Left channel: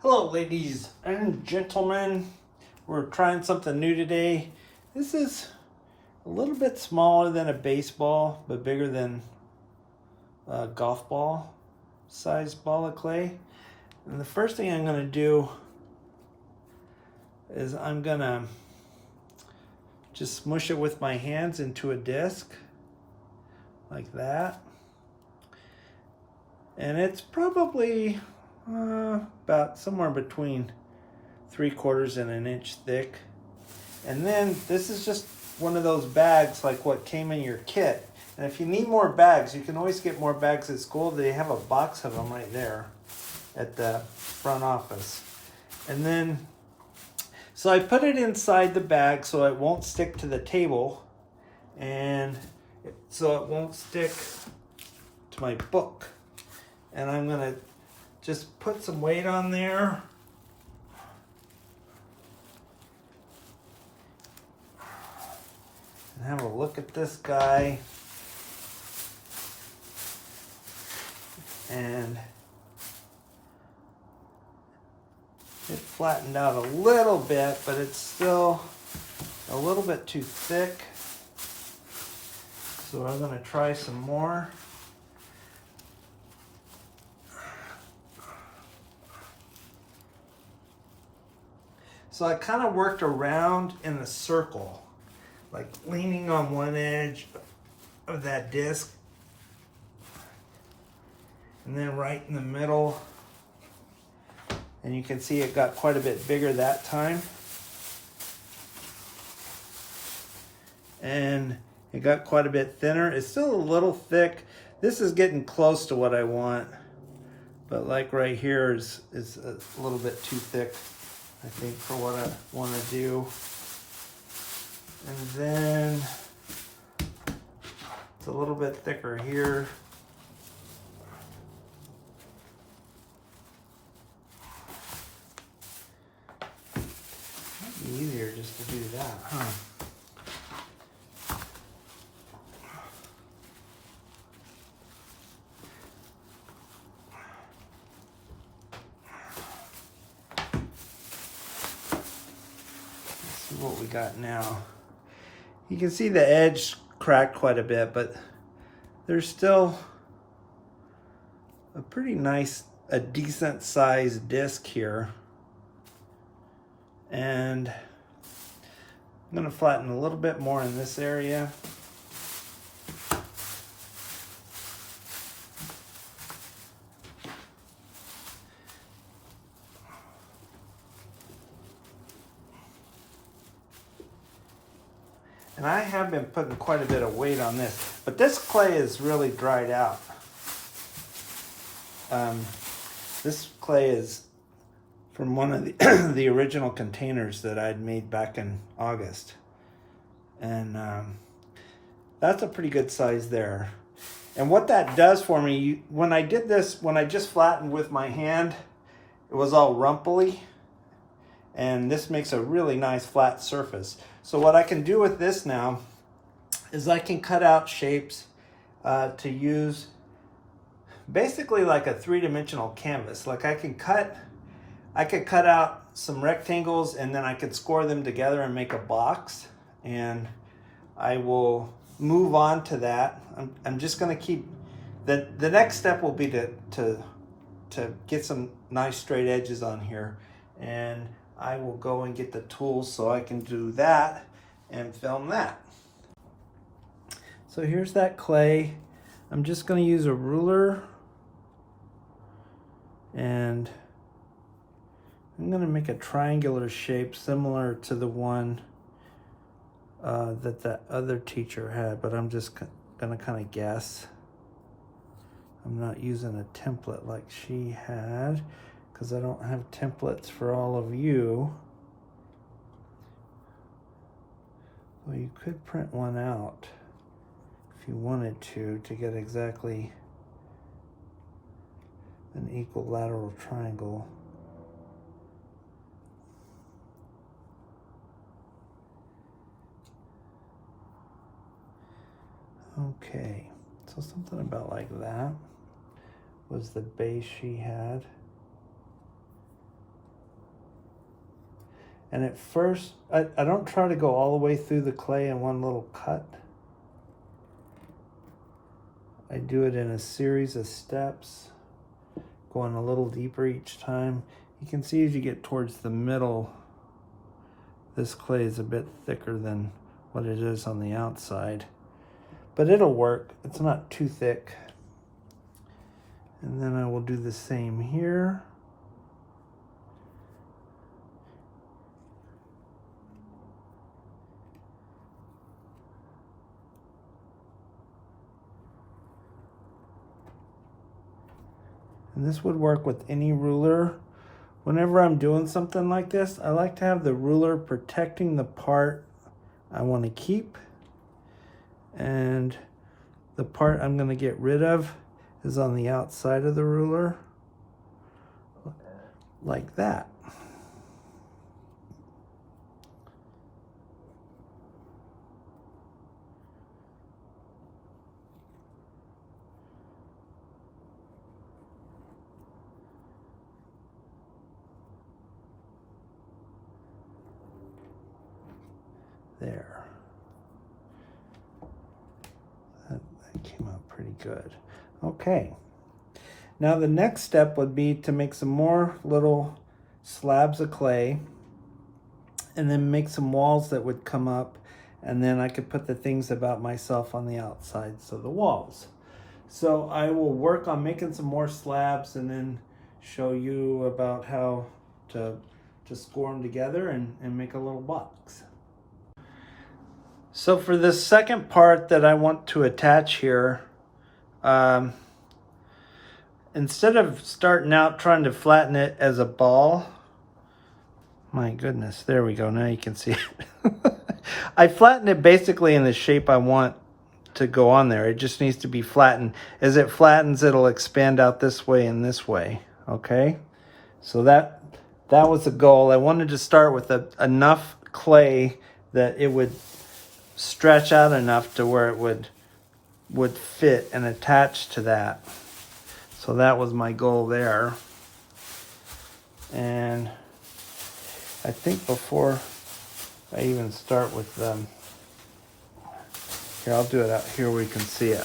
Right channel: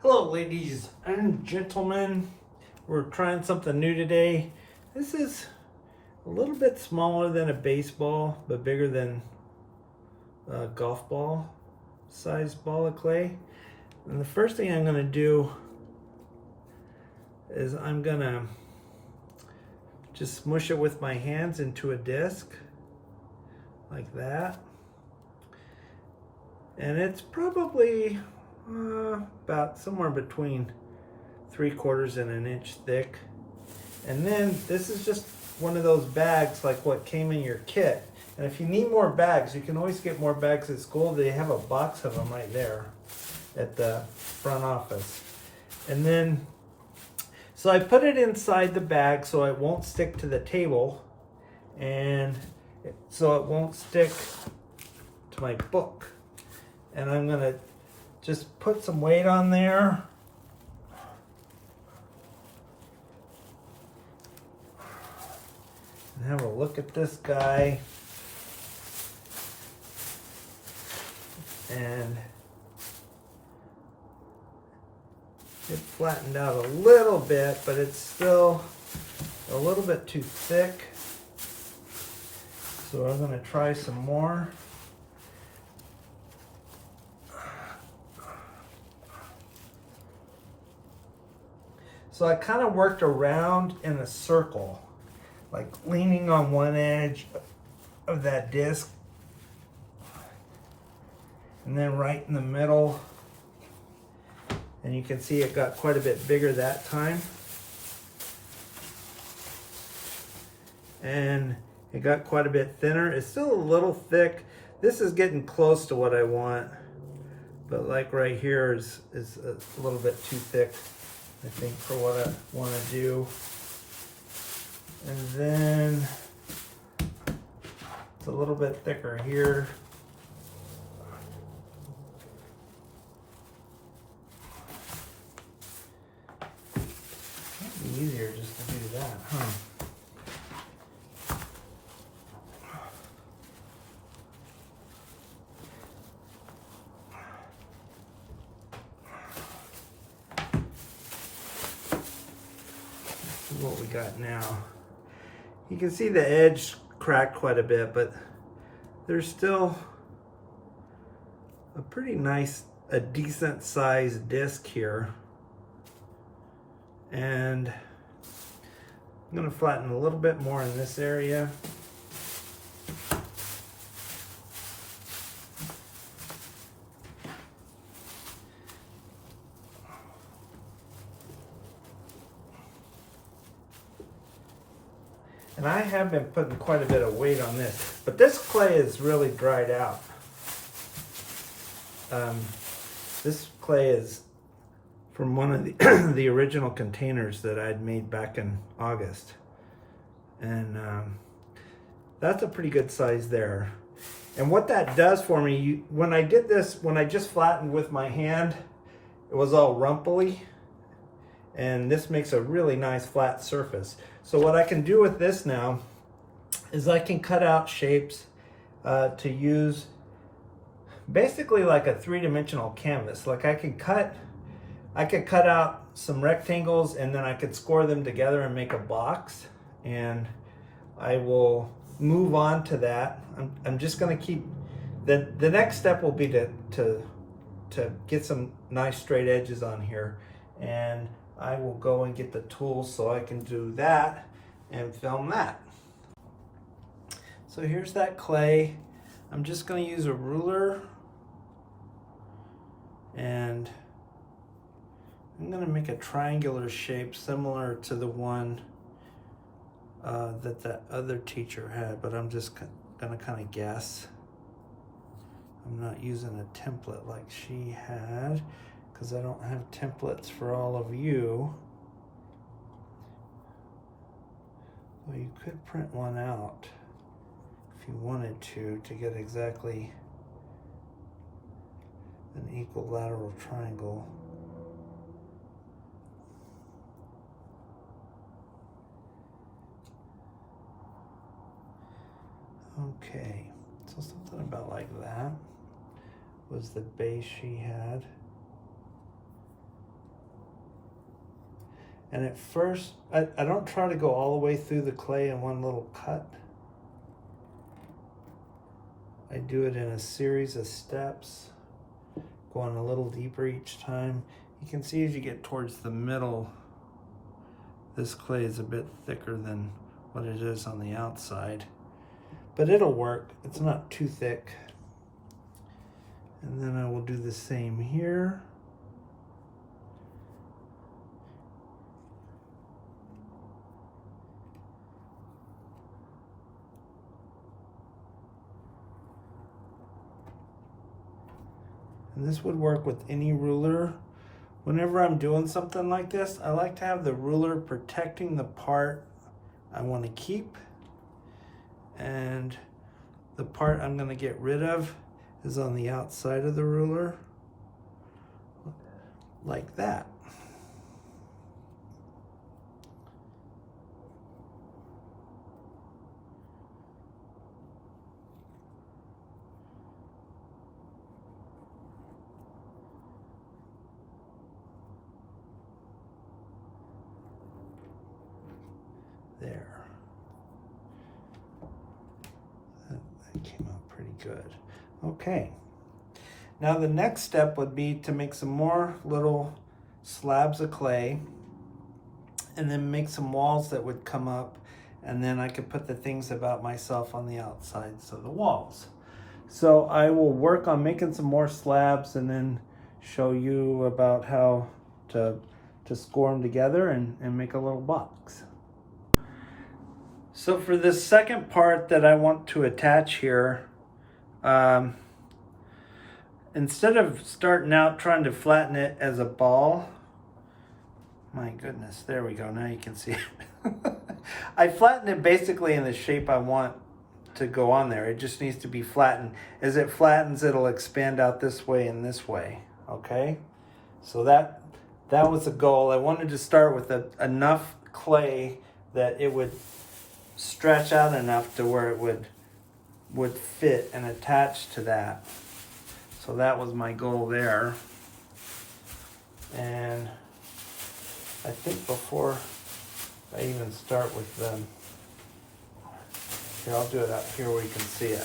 Hello ladies and gentlemen, we're trying something new today. This is a little bit smaller than a baseball, but bigger than a golf ball size ball of clay. And the first thing I'm gonna do is I'm gonna just smush it with my hands into a disc like that. And it's probably about somewhere between 3/4 and an inch thick. And then this is just one of those bags like what came in your kit. And if you need more bags, you can always get more bags at school. They have a box of them right there at the front office. And then, so I put it inside the bag so it won't stick to the table, and so it won't stick to my book. And I'm gonna just put some weight on there. And have a look at this guy. And it flattened out a little bit, but it's still a little bit too thick. So I'm gonna try some more. So I kind of worked around in a circle, like leaning on one edge of that disc, and then right in the middle. And you can see it got quite a bit bigger that time. And it got quite a bit thinner. It's still a little thick. This is getting close to what I want, but like right here is a little bit too thick, I think, for what I want to do. And then it's a little bit thicker here. Might be easier just to do that, huh? What we got now. You can see the edge cracked quite a bit, but there's still a pretty nice, a decent sized disc here. And I'm gonna flatten a little bit more in this area. And I have been putting quite a bit of weight on this, but this clay is really dried out. This clay is from one of the, the original containers that I'd made back in August. And that's a pretty good size there. And what that does for me, when I did this, when I just flattened with my hand, it was all rumply. And this makes a really nice flat surface. So what I can do with this now is I can cut out shapes to use basically like a three-dimensional canvas. Like I could cut out some rectangles, and then I could score them together and make a box. And I will move on to that. I'm just gonna keep, the next step will be to get some nice straight edges on here. And I will go and get the tools so I can do that and film that. So here's that clay. I'm just going to use a ruler, and I'm going to make a triangular shape similar to the one that other teacher had, but I'm just going to kind of guess. I'm not using a template like she had, because I don't have templates for all of you. Well, you could print one out if you wanted to get exactly an equilateral triangle. Okay, so something about like that was the base she had. And at first, I don't try to go all the way through the clay in one little cut. I do it in a series of steps, going a little deeper each time. You can see as you get towards the middle, this clay is a bit thicker than what it is on the outside. But it'll work. It's not too thick. And then I will do the same here. And this would work with any ruler. Whenever I'm doing something like this, I like to have the ruler protecting the part I want to keep. And the part I'm going to get rid of is on the outside of the ruler, like that. There. That came out pretty good. Okay. Now the next step would be to make some more little slabs of clay and then make some walls that would come up, and then I could put the things about myself on the outsides of the walls. So I will work on making some more slabs and then show you about how to score them together and make a little box. So for this second part that I want to attach here, instead of starting out trying to flatten it as a ball, my goodness, there we go, now you can see it. I flattened it basically in the shape I want to go on there. It just needs to be flattened. As it flattens, it'll expand out this way and this way, okay? So that was the goal. I wanted to start with enough clay that it would stretch out enough to where it would fit and attach to that. So that was my goal there. And I think before I even start with here, I'll do it out here where you can see it.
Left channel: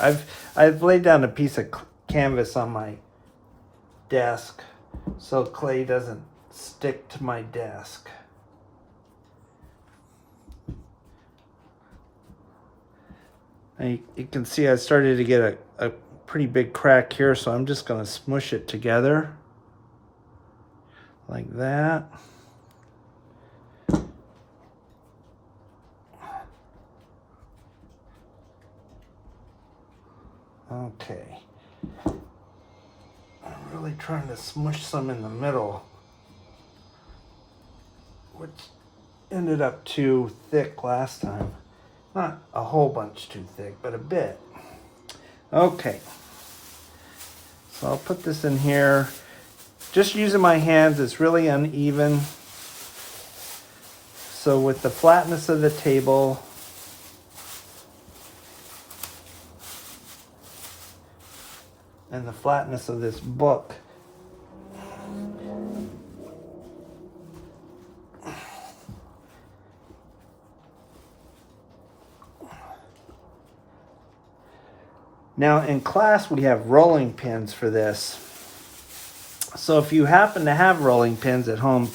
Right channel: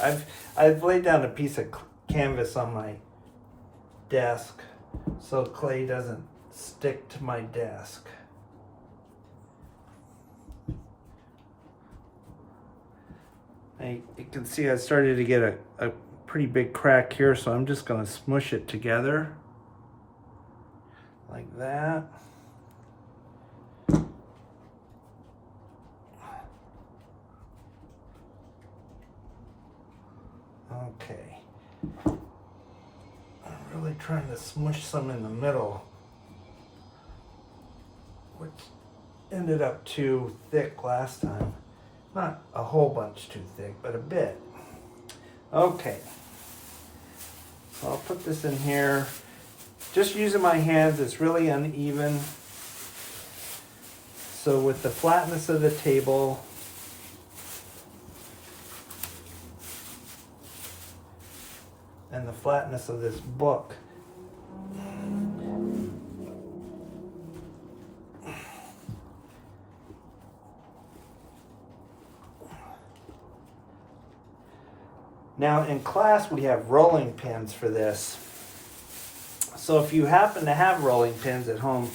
I've laid down a piece of canvas on my desk so clay doesn't stick to my desk. And you can see I started to get a pretty big crack here, so I'm just going to smush it together like that. Okay. I'm really trying to smush some in the middle, which ended up too thick last time. Not a whole bunch too thick, but a bit. Okay. So I'll put this in here. Just using my hands, it's really uneven. So with the flatness of the table, and the flatness of this book, now in class we have rolling pins for this. So if you happen to have rolling pins at home,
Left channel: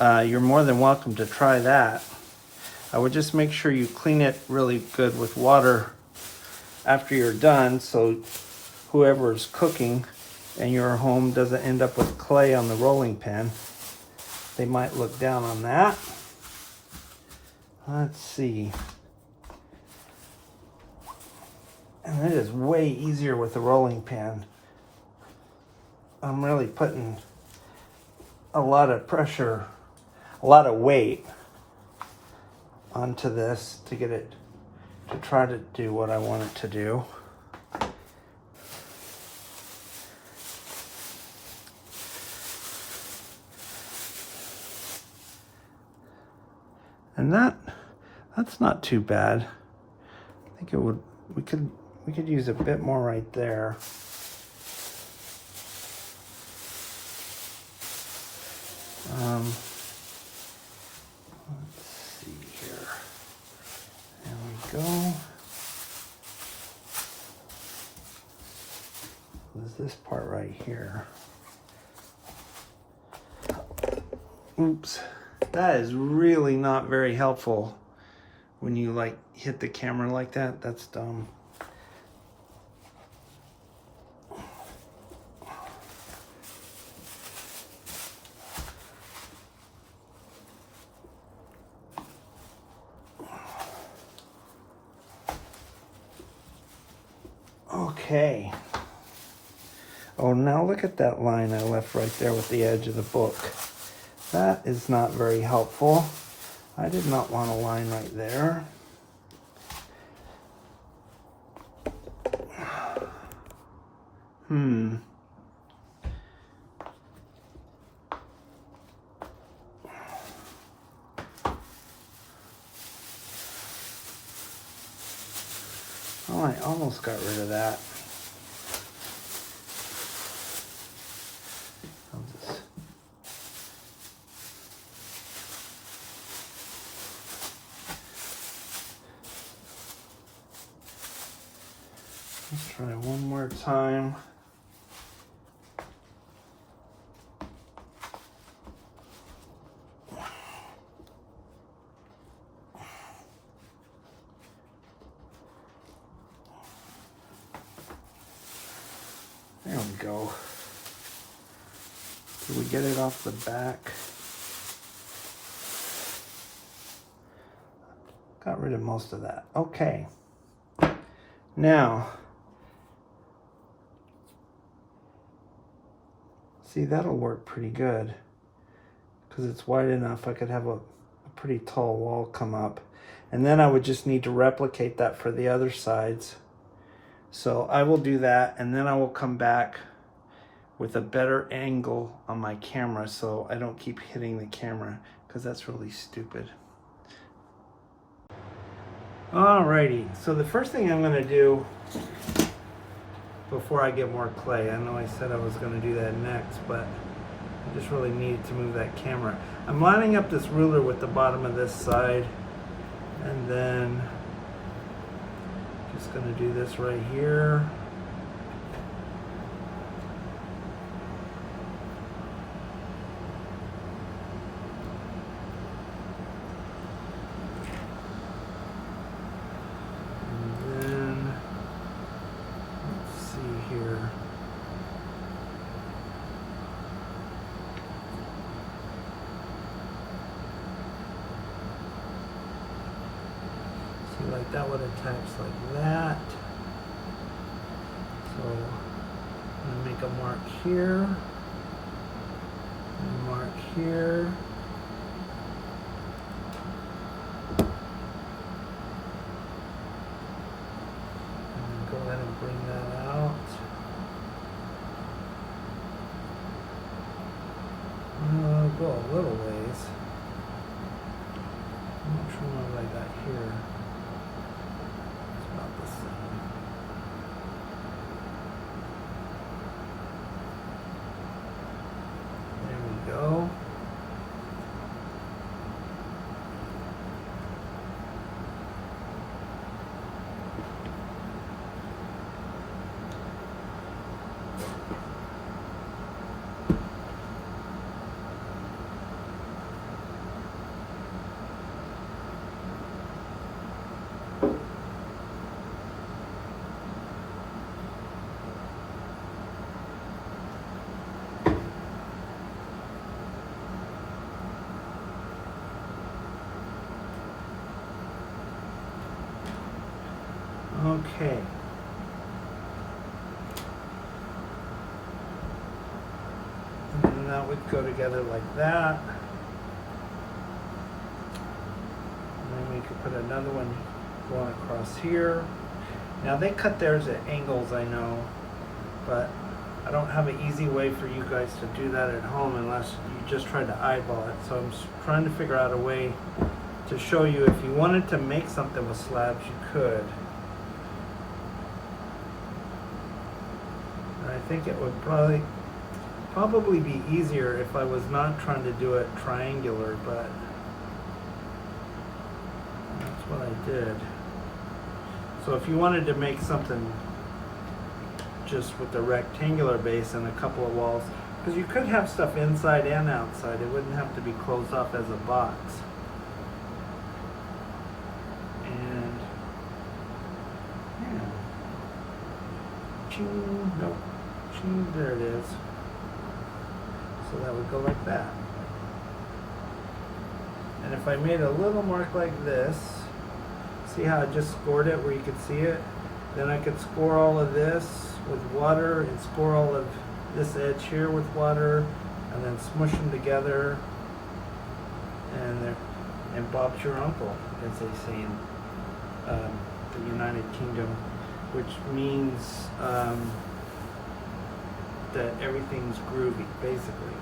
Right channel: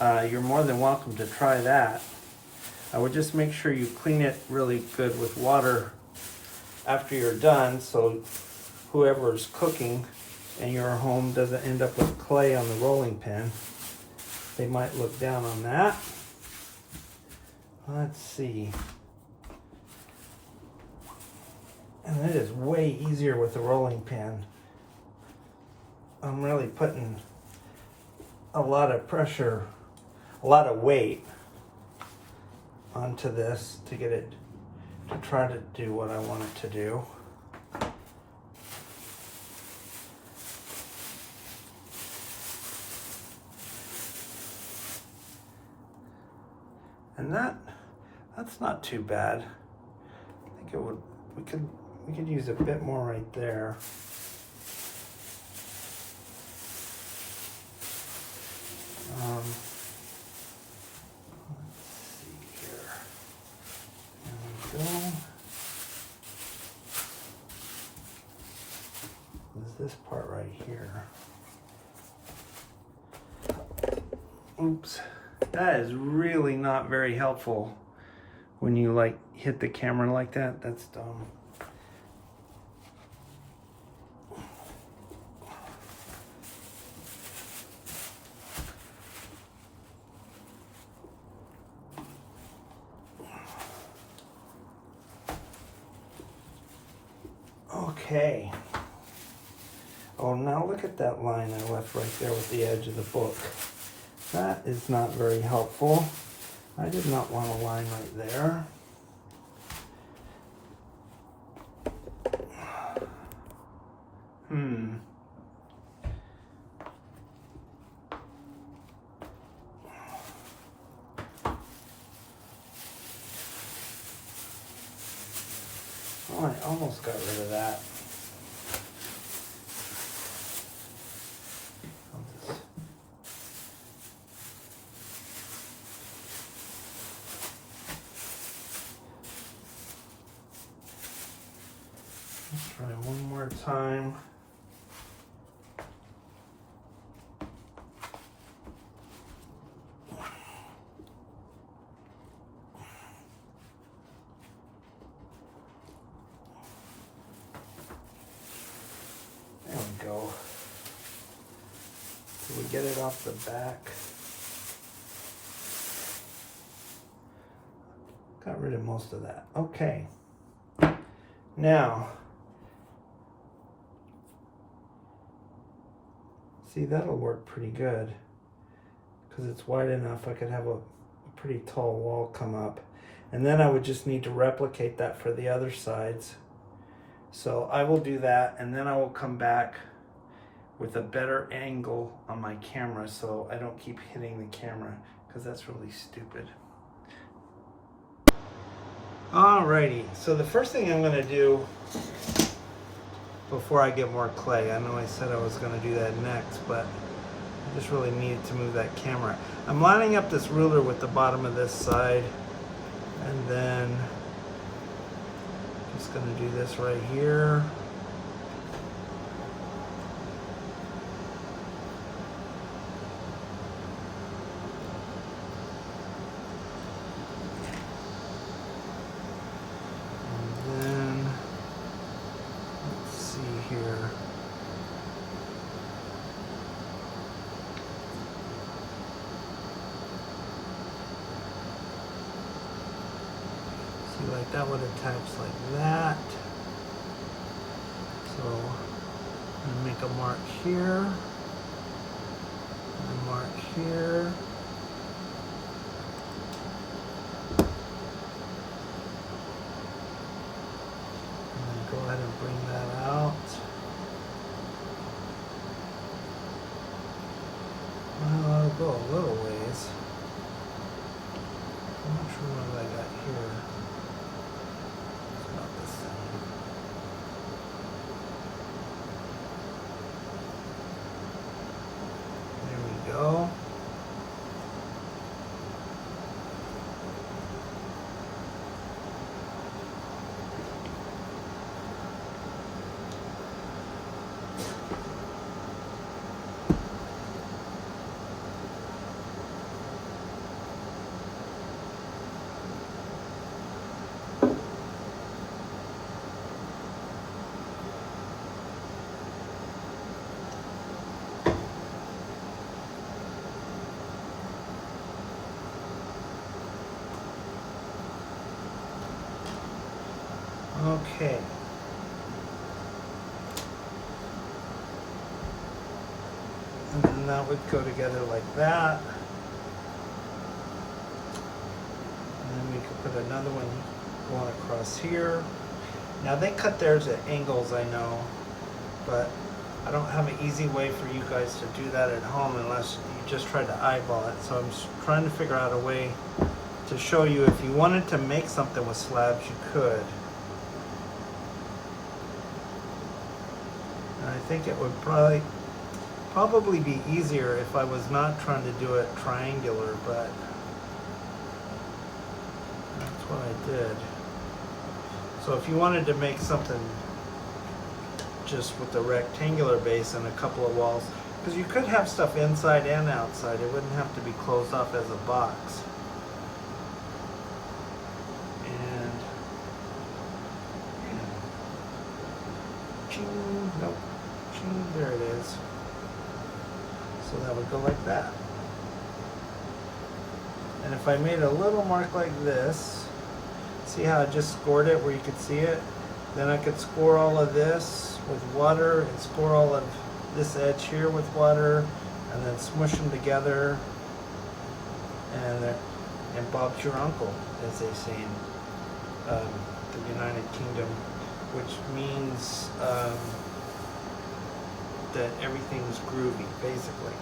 you're more than welcome to try that. I would just make sure you clean it really good with water after you're done, so whoever's cooking and your home doesn't end up with clay on the rolling pin. They might look down on that. Let's see. And it is way easier with the rolling pin. I'm really putting a lot of pressure, a lot of weight onto this to get it to try to do what I want it to do. And that's not too bad. I think it would, we could use a bit more right there. this part right here. Oops. That is really not very helpful when you like hit the camera like that. That's dumb. Okay. Oh, now look at that line I left right there with the edge of the book. That is not very helpful. I did not want a line right there. Oh, I almost got rid of that. Let's try one more time. There we go. Did we get it off the back? Got rid of most of that. Okay. Now, see, that'll work pretty good because it's wide enough. I could have a pretty tall wall come up, and then I would just need to replicate that for the other sides. So I will do that, and then I will come back with a better angle on my camera so I don't keep hitting the camera, because that's really stupid. Alrighty, so the first thing I'm going to do before I get more clay, I know I said I was going to do that next, but I just really needed to move that camera. I'm lining up this ruler with the bottom of this side, and then just going to do this right here. And then, let's see here. See, like that would attach like that. So I'm going to make a mark here, and a mark here. And then go ahead and bring that out. Well, I'll go a little ways. I'm not sure what I got here. It's about the same. There we go. Okay. And then that would go together like that. And then we could put another one going across here. Now they cut theirs at angles, I know, but I don't have an easy way for you guys to do that at home unless you just try to eyeball it. So I'm trying to figure out a way to show you if you wanted to make something with slabs, you could. I think it would probably be easier if I was not trying to do it triangular, but that's what I did. So if you wanted to make something just with the rectangular base and a couple of walls, because you could have stuff inside and outside. It wouldn't have to be closed off as a box. And yeah. Ching, nope, ching, there it is. So that would go like that. And if I made a little mark like this, see how I just scored it where you could see it? Then I could score all of this with water and score all of this edge here with water, and then smush them together. And Bob's your uncle, as they say in the United Kingdom, which means that everything's groovy, basically.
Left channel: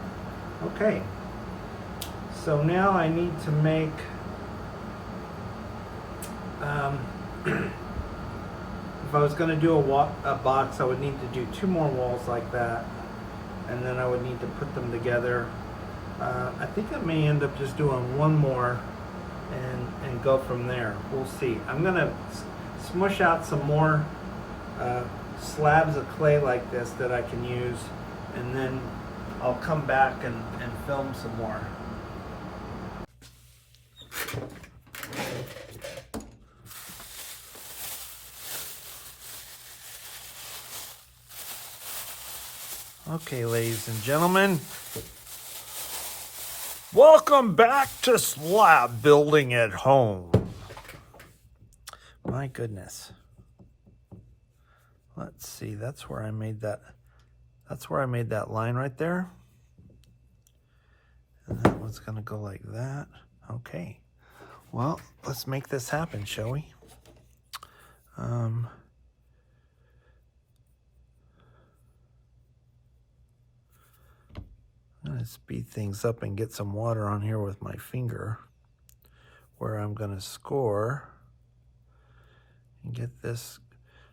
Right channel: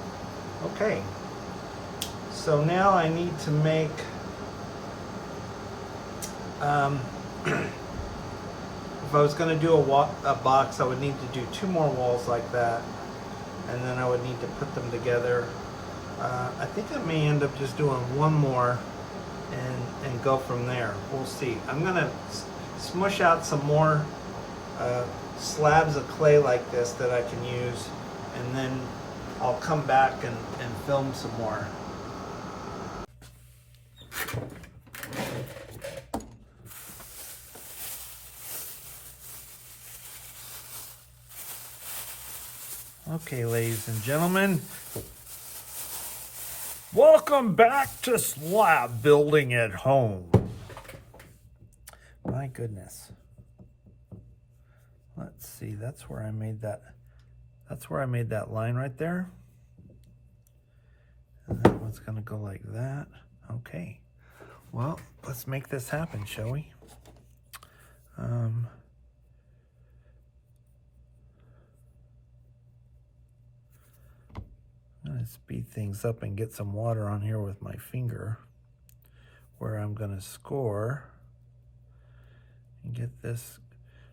Okay. So now I need to make, if I was going to do a box, I would need to do 2 more walls like that, and then I would need to put them together. I think I may end up just doing 1 more and go from there. We'll see. I'm going to smush out some more slabs of clay like this that I can use, and then I'll come back and film some more. Okay, ladies and gentlemen, welcome back to Slab Building at Home. My goodness. Let's see, that's where I made that line right there. And that one's gonna go like that. Okay. Well, let's make this happen, shall we? I'm gonna speed things up and get some water on here with my finger, where I'm gonna score and get this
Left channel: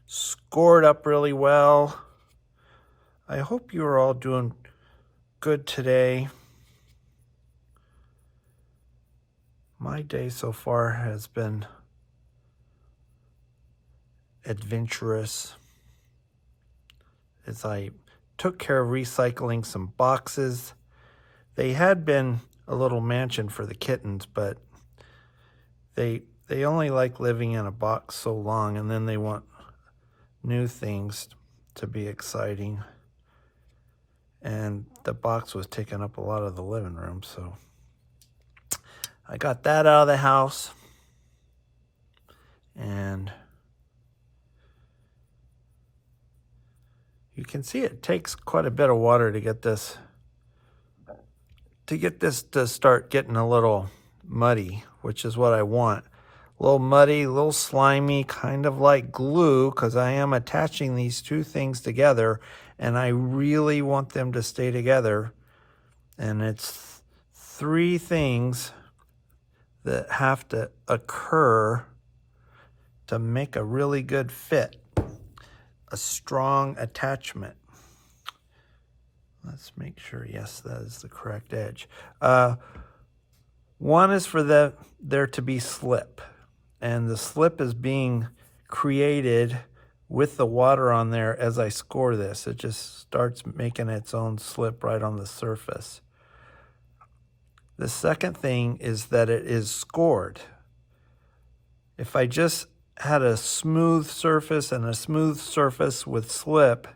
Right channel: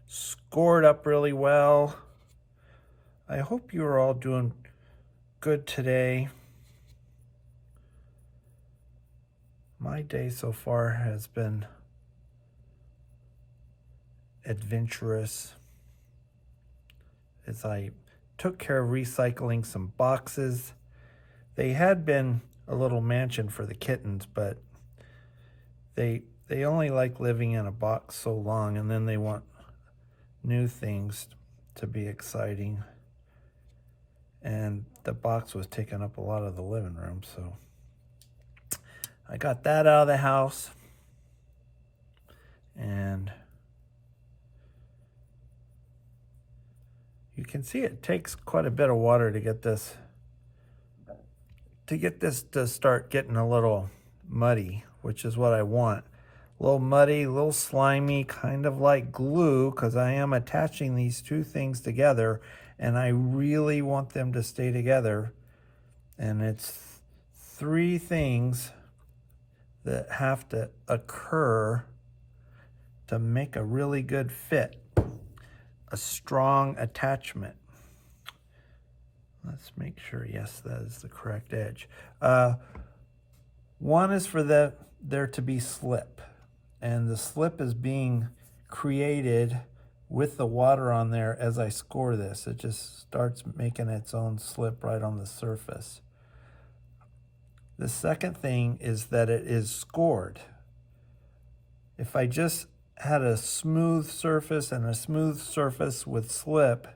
scored up really well. I hope you are all doing good today. My day so far has been adventurous, as I took care of recycling some boxes. They had been a little mansion for the kittens, but they only like living in a box so long, and then they want new things to be exciting. And the box was taking up a lot of the living room, so I got that out of the house. And you can see it takes quite a bit of water to get this to start getting a little muddy, which is what I want. A little muddy, a little slimy, kind of like glue, because I am attaching these 2 things together, and I really want them to stay together. And it's 3 things that have to occur to make a really good fit, a strong attachment. Let's make sure, yes, that is the correct edge. One is for there to be slip, and the slip is being created with the water on there as I score this. It just starts making its own slip right on the surface. The second thing is that it is scored. If I just had a smooth surface and a smooth surface with slip,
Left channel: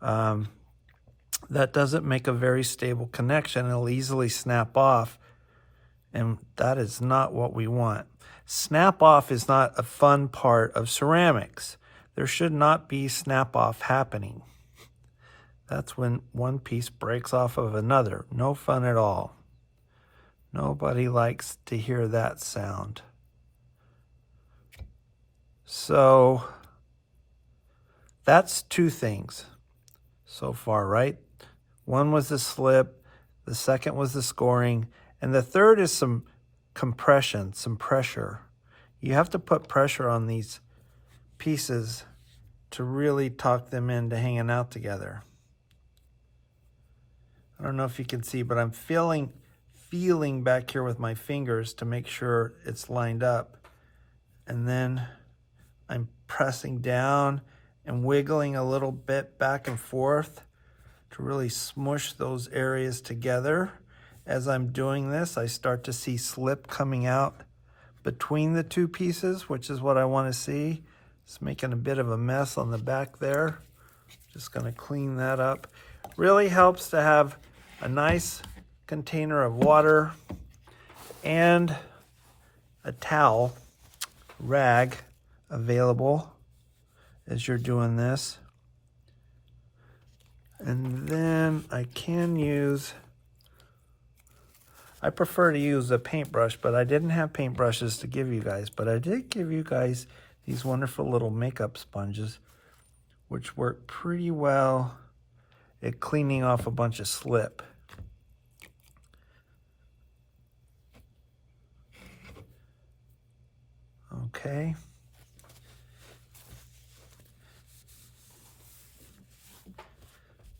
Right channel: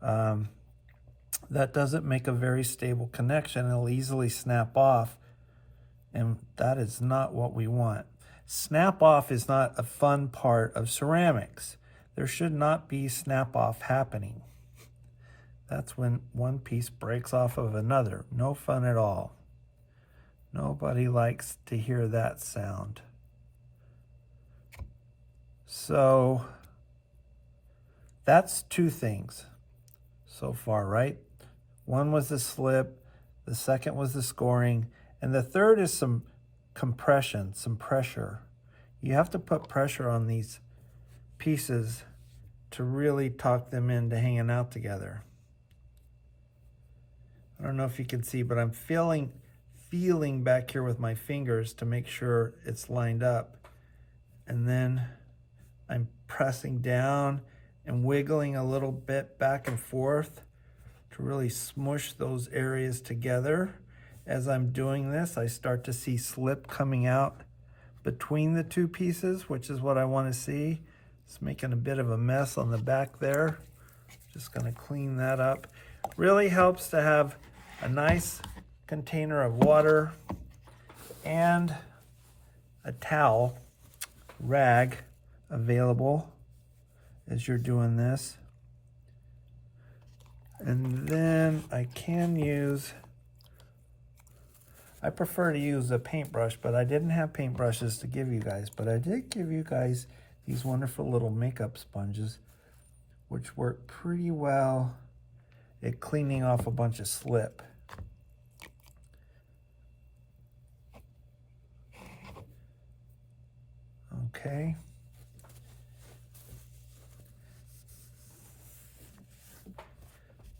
that doesn't make a very stable connection. It'll easily snap off, and that is not what we want. Snap off is not a fun part of ceramics. There should not be snap off happening. That's when one piece breaks off of another. No fun at all. Nobody likes to hear that sound. So that's 2 things so far, right? One was the slip, the second was the scoring, and the third is some compression, some pressure. You have to put pressure on these pieces to really talk them into hanging out together. I don't know if you can see, but I'm feeling back here with my fingers to make sure it's lined up. And then I'm pressing down and wiggling a little bit back and forth to really smush those areas together. As I'm doing this, I start to see slip coming out between the two pieces, which is what I want to see. It's making a bit of a mess on the back there. Just going to clean that up. Really helps to have a nice container of water and a towel, rag available as you're doing this. And then I prefer to use a paintbrush, but I didn't have paintbrushes to give you guys, but I did give you guys these wonderful little makeup sponges, which work pretty well at cleaning off a bunch of slip. Okay.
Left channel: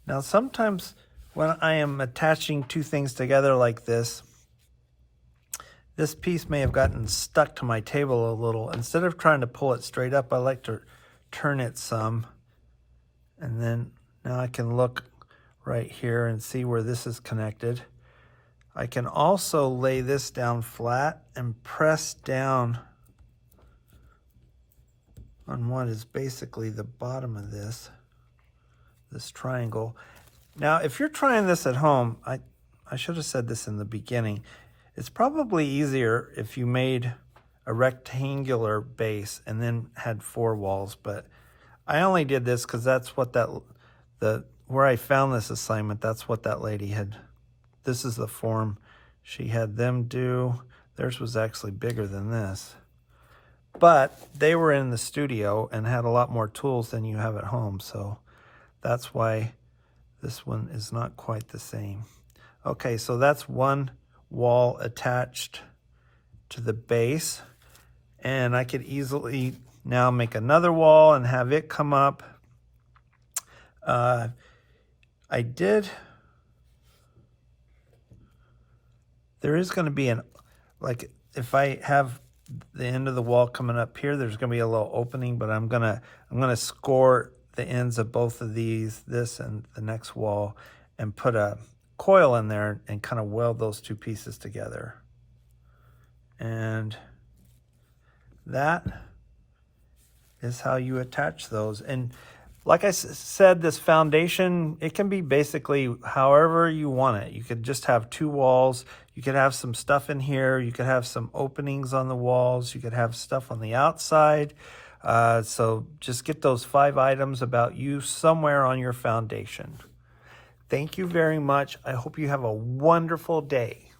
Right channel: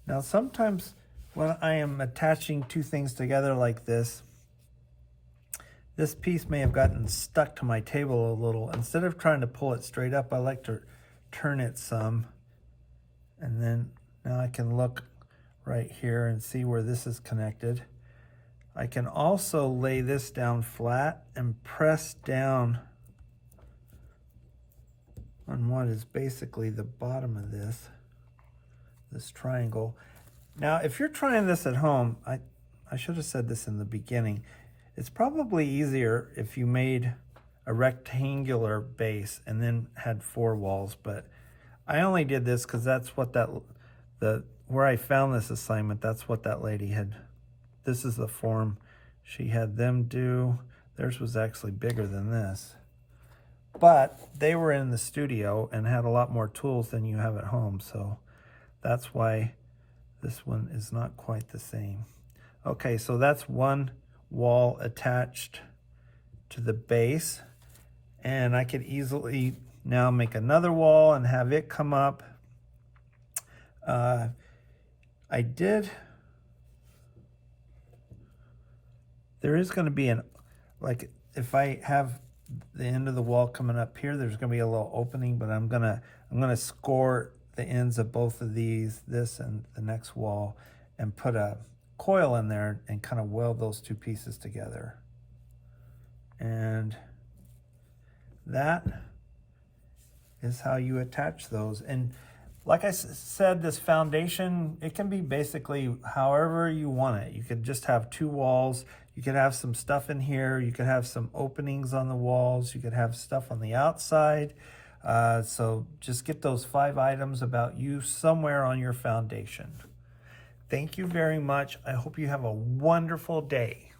Now sometimes when I am attaching two things together like this piece may have gotten stuck to my table a little. Instead of trying to pull it straight up, I like to turn it some. And then now I can look right here and see where this is connected. I can also lay this down flat and press down on what is basically the bottom of this triangle. Now, if you're trying this at home, I should have said this in the beginning. It's probably easier if you made a rectangular base and then had 4 walls, but I only did this because that's what where I found this assignment, that's what that lady had. This is the form she had them do. Theirs was actually bigger than this. But they were in the studio and had a lot more tools than you have at home, so that's why this one is not quite the same. Okay, so that's one wall attached to the base, and I could easily now make another wall and have it come up. There is going to be like if I have the end of the wall coming up here, there's going to be a little opening, but I'm gonna score the ends of both of these, this and the next wall, and put a coil in there and kind of weld those two pieces together. And that is how you attach those. And like I said, this foundation, it can be basically however you want it. You could just have 2 walls. You could have some stuff in here. You could have some openings on the walls. You could have stuff on the outside. So just get those 5 items about you somewhere on your foundation. Thank you very much. I hope you have a wonderful day.